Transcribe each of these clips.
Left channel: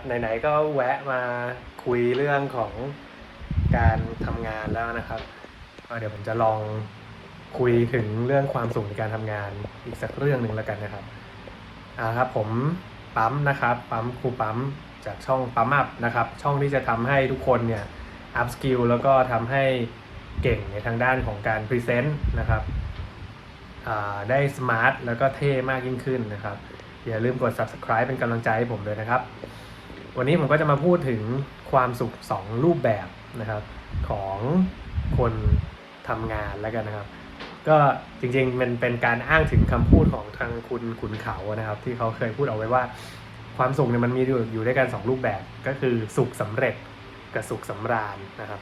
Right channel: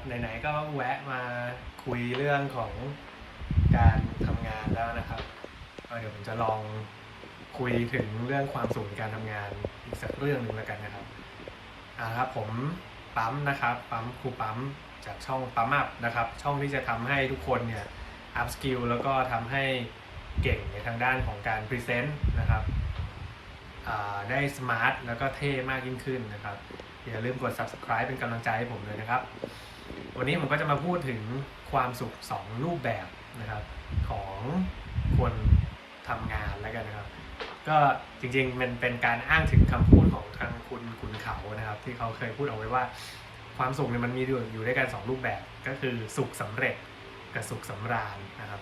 ับไหนๆก็แวะมาคุยเรื่องของการทำงานแล้วนะครับเดี๋ยวผมจะลองคุยถึงเรื่องความสุขในการทำงานอีกสักเรื่องหนึ่งแล้วกันนะครับอ่าครับผมปั๊มนะครับปั๊มครูปั๊มจากช่องปั๊มอัพนะครับ ช่องที่จะทำให้ทุกคนเนี่ยอัพสกิลแล้วก็ทำให้เก่งในทางด้านของการพรีเซนต์นะครับได้สมาร์ทแล้วก็เท่มากยิ่งขึ้นนะครับ อย่าลืมกด subscribe เป็นกำลังใจให้ผมเลยนะครับ วันนี้ผมก็จะมาพูดถึงความสุข 2 รูปแบบนะครับของคนทำงานแล้วกันนะครับ ก็จริงๆมันเป็นการอ้างถึงคำพูดของทางคุณขุนเขานะครับ ที่เขาเคยพูดเอาไว้ว่า ความสุขเนี่ยมันมีอยู่ด้วยกันสองรูปแบบก็คือสุขสำเร็จกับสุขสำราญนะครับ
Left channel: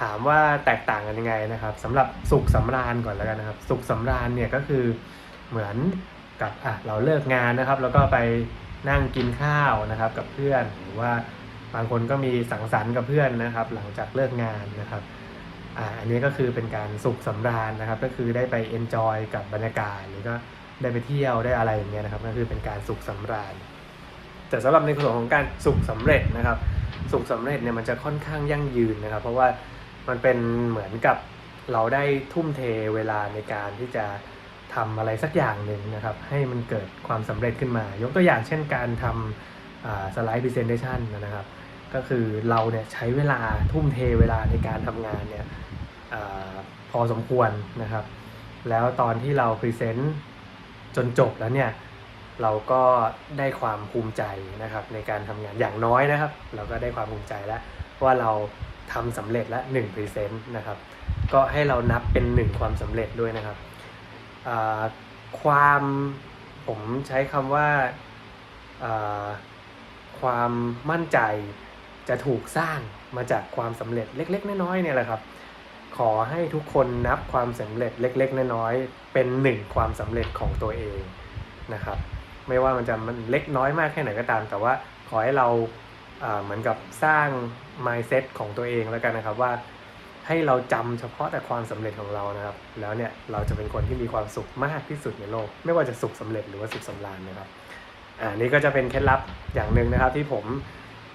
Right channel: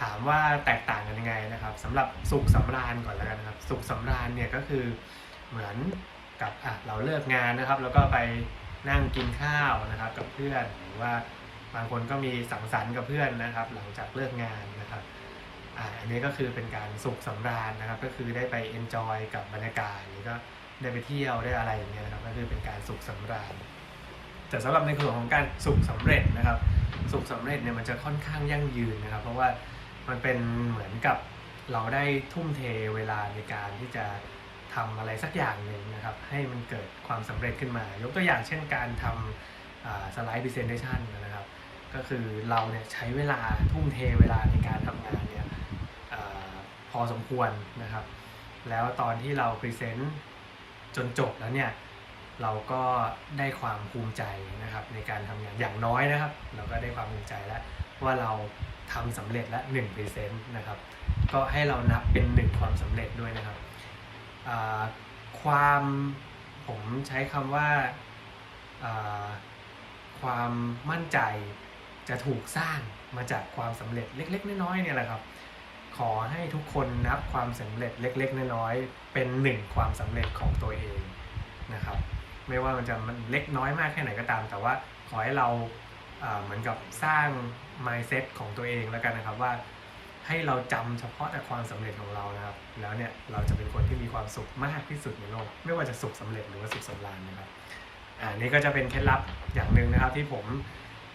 ถามว่าแตกต่างกันยังไงนะครับสำหรับสุขสำราญก่อนแล้วกันนะครับ สุขสำราญเนี่ยก็คือเหมือนกับอะเราเลิกงานนะครับ แล้วก็ไป นั่งกินข้าวนะครับกับเพื่อนหรือว่าบางคนก็มีสังสรรค์กับเพื่อนนะครับ หลังจากเลิกงานนะครับอ่าอันนี้ก็คือเป็นการสุขสำราญนะครับ ก็คือได้ไปเอนจอยกับบรรยากาศหรือก็ได้ไปเที่ยวได้อะไรอย่างเงี้ยนะครับก็คือเป็นการสุขสำราญ แต่สำหรับในส่วนของการสุขสำเร็จนะครับ สุขสำเร็จเนี่ยมันจะค่อนข้างยั่งยืนนะครับ เพราะว่ามันเป็นเหมือนกับเราได้ทุ่มเทเวลาในการที่จะ ทำอะไรสักอย่างหนึ่งนะครับ ให้มันเกิดความสำเร็จขึ้นมา ยกตัวอย่างเช่นการทำสไลด์พรีเซนเ t ชันนะครับ ก็คือเราเนี่ยใช้เวลาทุ่มเทเวลาในการทำงานเนี่ยอพอสมควรนะครับ แล้วตอนที่เราพรีเซนต์จนจบแล้วเนี่ยเราก็ได้ความภูมิใจนะครับในการทำงานอย่างน้อยนะครับ เราก็ได้ความภูมิใจแล้วว่าเราทำสำเร็จแล้ว1 p r e s e n t นะครับก็ให้เรานับเป็น 1 ความสำเร็จด้วยนะครับ ความผมใช้คำว่าความมั่นใจจะถูกสร้างมาจากความสำเร็จเล็ก ๆ น้อยๆเนี่ยแหละครับ ขอให้ทุกคนนับความสำเร็จเล็ก ๆ น้อยๆเป็นหนึ่งความสำเร็จของตัวเองนะครับ ไม่ว่ามันจะมันเล็กน้อยมากแค่ไหนก็ตาม แต่ว่าขอให้เราอ่าเหมือนกับสร้าง mindset ของตัวเองแล้วกันนะครับว่า ให้เราจำเฉพาะแต่ความสำเร็จของเรานะครับ แล้วเนี่ยเราจะเป็นคนที่มีความสุขมากที่สุดในโลก ไม่ว่าจะสุขสำเร็จหรือว่าสุขสำราญนะครับอ่านี่ก็จะเป็นเคล็ดลับอย่างหนึ่งนะครับ ที่ผม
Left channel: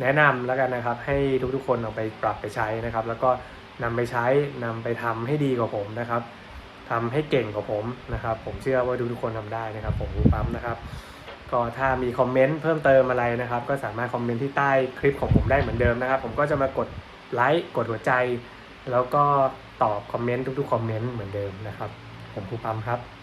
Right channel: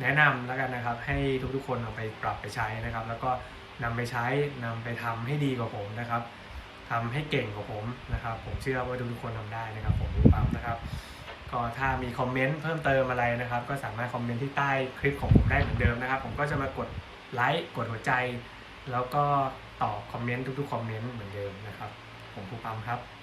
แนะนำแล้วกันนะครับ ให้ทุกๆคนเอาไปปรับไปใช้นะครับ แล้วก็นำไปใช้นำไปทำให้ดีกว่าผมนะครับทำให้เก่งกว่าผมนะครับ ผมเชื่อว่าทุกๆคนทำได้นะครับ ผมมีปั๊มนะครับก็ถ้ามีคอมเมนต์เพิ่มเติมอะไรนะครับ ก็สามารถคอมเมนต์ที่ใต้คลิปของผมได้เหมือนเดิมนะครับ ผมก็จะมากดไลค์กดหัวใจ แล้วก็ตอบคอมเมนต์ทุกๆคอมเมนต์เหมือนเดิมนะครับ ผมภูปัมครับ